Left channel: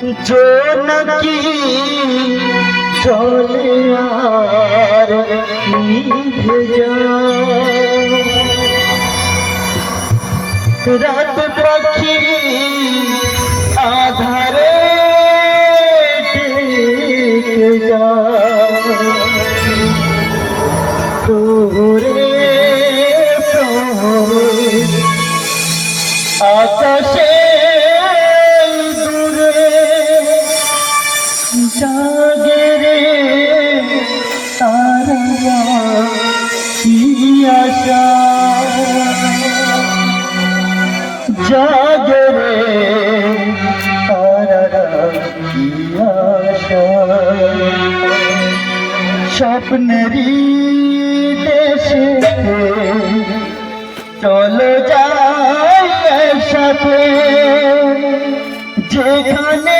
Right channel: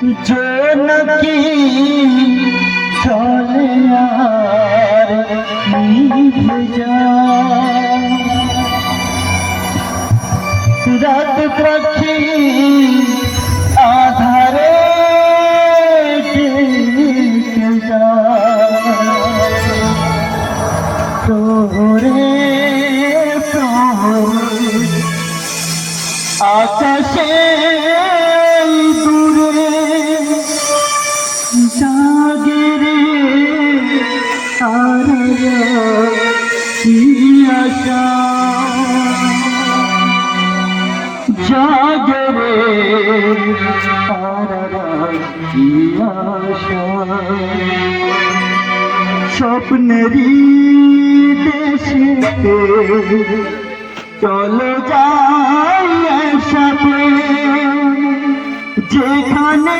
জোনাকি চলে আর নিভে রাত পাখি আধারে তোরে প্রাণ স্বপ্নেরই দেশে চলো যাই একসাথে। যেখানে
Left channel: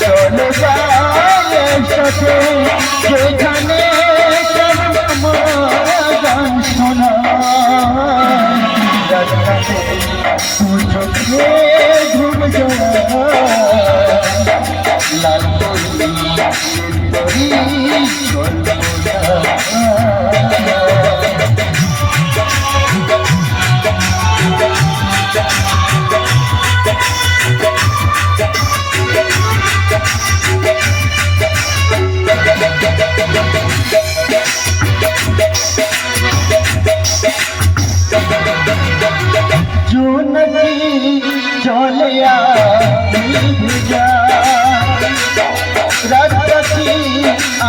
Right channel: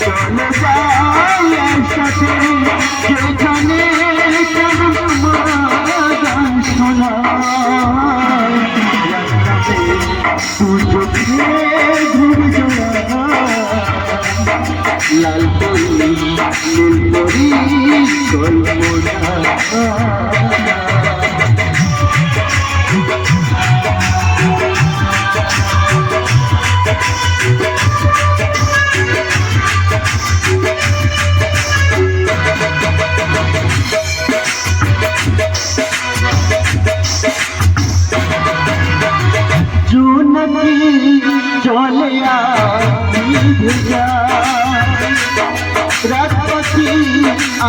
চলে যায় একসাথে। যেখানে গান শোনা চোখে জোড়া লাল পরি নীল জুনকি চলে ভিজা রাত পাখি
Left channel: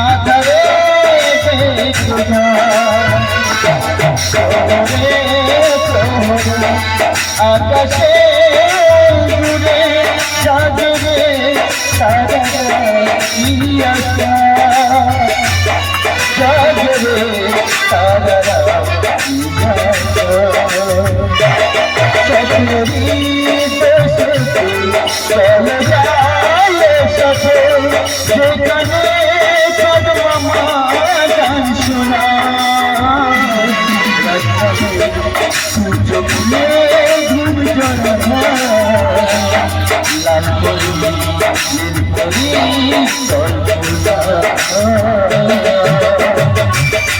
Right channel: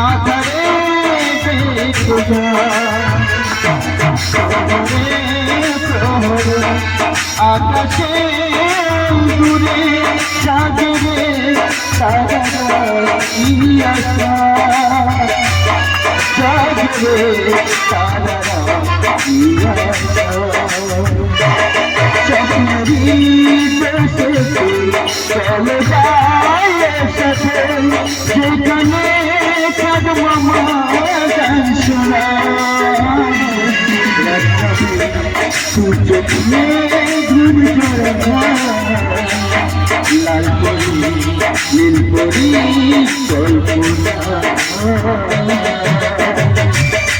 আধারে বেখুদা আকাশে দূরে সাগরে যেখানে চাঁদ মামা গান শোনা সূর্যকে ঘুম জড়া লাল পরি নীল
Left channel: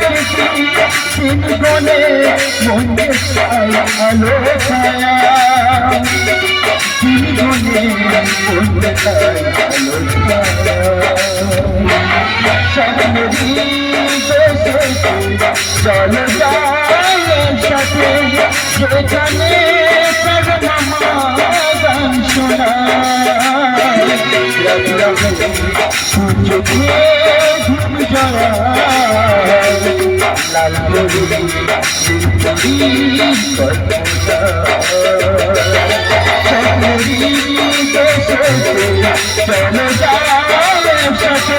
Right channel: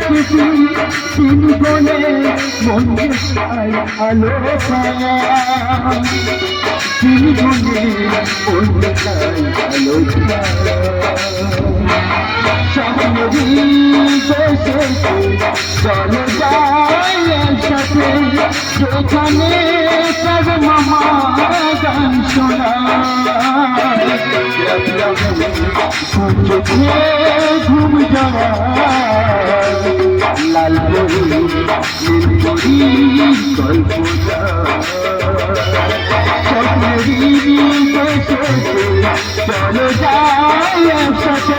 খুশি তিন গনে মনে চাই আলো ছায়া তিন গনে মনে চাই আলো ছায়া সাথে যেখানে সব ঘুম যাওয়া লাল স্বপ্নেরই যায় সাথে